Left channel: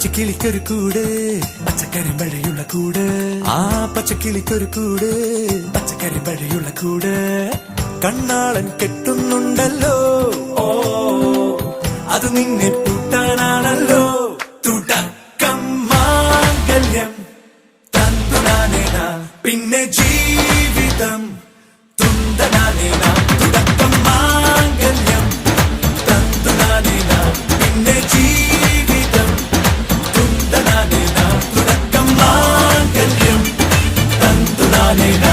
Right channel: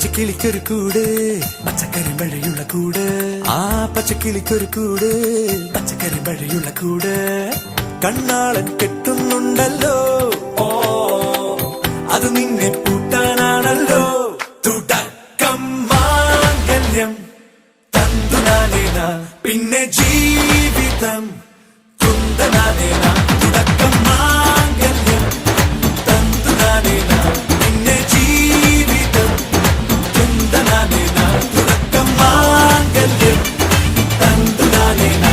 പച്ചക്കിളിക്കൊരു കൂട് പച്ചക്കരിമ്പഴയുള്ള കൂട് ആ പച്ചക്കിളിക്കൊരു കൂട് പച്ചക്കരിമ്പഴയുള്ള കൂട് കണ്ണാളൻ കെട്ടുന്നുണ്ടല്ലോ അത് നിന്നെ പൂട്ടാനാണല്ലോ തുടക്കം മാംഗല്യം തന്തുനാനേന പിന്നെ ജീവിതം തുണ്ടനാനേന തുടക്കം മാംഗല്യം തന്തുനാനേന പിന്നെ ജീവിതം തുണ്ടനാനേന തുടക്കം മാംഗല്യം തന്തുനാനേന